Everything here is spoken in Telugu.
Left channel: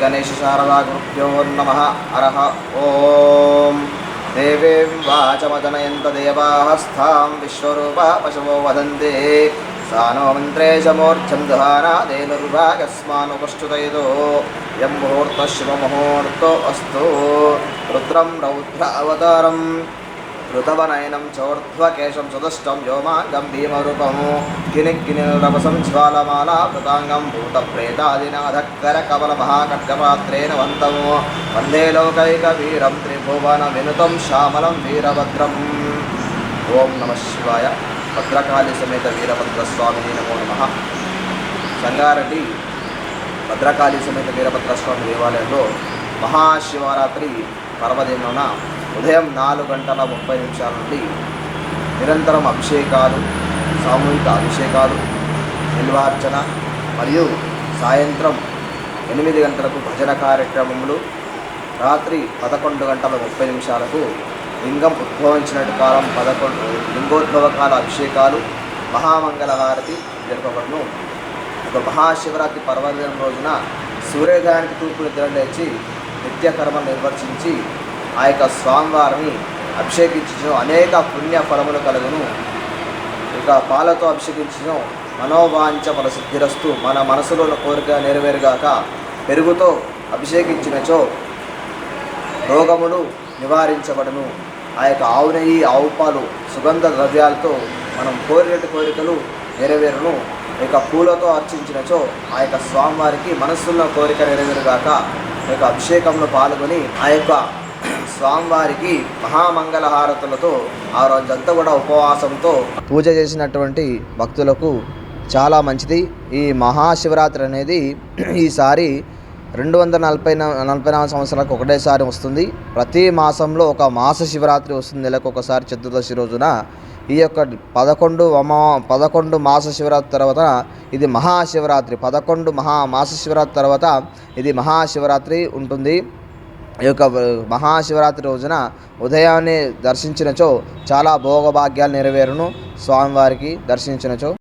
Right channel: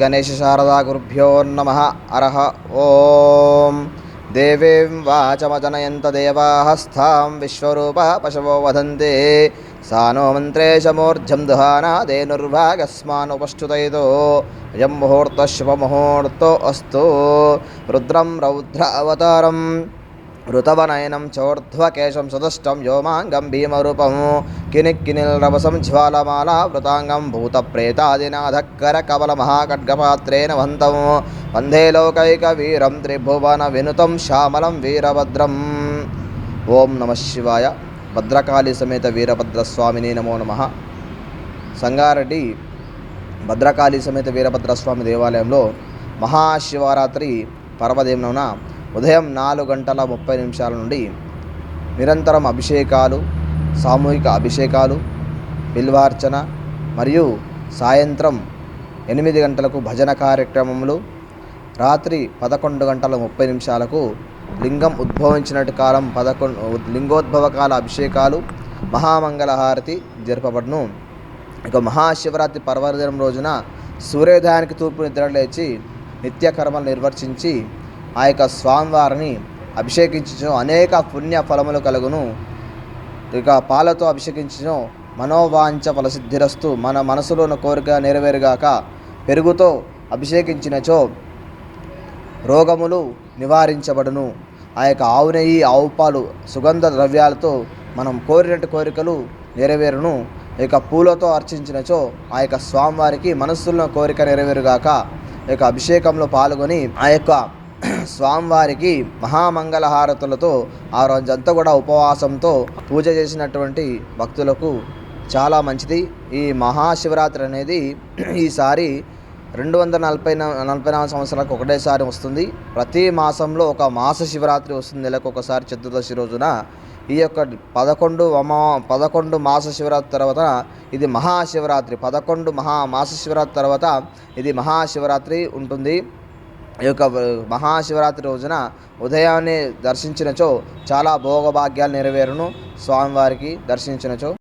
गणेशशारदागुरुभ्यो नमः अरः ॐ देवीं वाचमजनयन्त देवाः स्थां विश्वरूपा पशवो वदन्ति सा नो मन्त्रेशमूर्ध्यं दहानादेनुर्भागस्मानुपष्टुतयतो यं मुहूर्तः शुभमुहूर्तो अस्तु रुद्रं रौद्र अवतारम् ఋతవనయనం చౌర్ధ్వకేశం సుదష్టం వ్యోమాంగం భీమరూపము వృతాంగం భూత భూతప్రేతాదినాధకర కవల మహాఖడ్గపాత్రేణ వంతము వందే లోకైక వీరం త్రిభువన వినుతం శ్యామలం వీరభద్రం. ఓం నమ శివాయ. భద్రకాళి సమేత వీరభద్రస్వామిని నమో నమ. సంగారెడ్డి భద్రకాళి సమేత వీరభద్రస్వామి దేవాలయంలో మహాశివరాత్రి పర్వదినోన ఉదయం నాలుగు గంటల ముప్పై నిమిషాల నుండి నిరంతరం అభిషేకాలు సామూహిక అభిషేకాలు నిల్వార్చన మరియు సాయంత్రం ఎనిమిది గంటలకు భజన కార్యక్రమములు రాత్రి పదకొండు గంటల ముప్పై నిమిషాలకు లింగం ఉద్భవించినట్టు కాలం పదకొండు లింగోద్భవ కాల అభిషేకాలు మహామంగళహారతి జరపబడును. ఒక మహాశివరాత్రి పర్వదినం రోజున సూర్యోదయానికి తూర్పు నిద్ర లేచి నిత్యకర్మలు నిర్వర్తించి ఆ యొక్క స్వామివారిని అభిషేకించడం అనేక పుణ్య ఫలములు కలుగును. ఇక పాలతో అభిషేకించడం మనోవాంఛ ఫలసిద్ధిరస్తు మన మనసులో ఉన్న కోరిక నెరవేరుగాక పెరుగుతో అభిషేకించినచో రోగములు నివారించబడును. ఆ యొక్క ఆవు నెయ్యి ఆవు పాలు సుగంధ ద్రవ్యాలతో మనం కోరినట్టు కోరికలు నెరవేరును. ఇక పూలతో అర్చించినచో ఆ యొక్క స్వామివారికి మనస్సున్న కోరిక నెరవేరుగాక ఈ యొక్క అభిషేకంలో పాల్గొని ఆ యొక్క స్వామివారికి మహామంగళహారతులతో ఆ రోజంతా కూడా ఉపవాసంతో పూజ చేసినటువంటి భక్తులకు చాలా మంచిది. ఈ మహాశివరాత్రి అనేది ఈసారి రెండు వందల నలభై నలభై నాలుగు సంవత్సరాలకు ఒకటేసారి వస్తుంది. ప్రతి మాసంలో ఒక మాస శివరాత్రి వస్తుంది నెలకు ఒకసారి చతుర్దశి రోజున. ఈ యొక్క పదకొండు అమా పదకొండు మాస శివరాత్రి తర్వాత ఇది మహాశివరాత్రి. పదకొండు మహా మాస శివరాత్రి తర్వాత ఇది మహాశివరాత్రి ఉంటుంది. ఈ యొక్క మహాశివరాత్రి రోజున ఉదయాన్నే దర్శించినచో చాలా భోగభాగ్యాలు నెరవేరును స్వామివారికి దర్శించినచో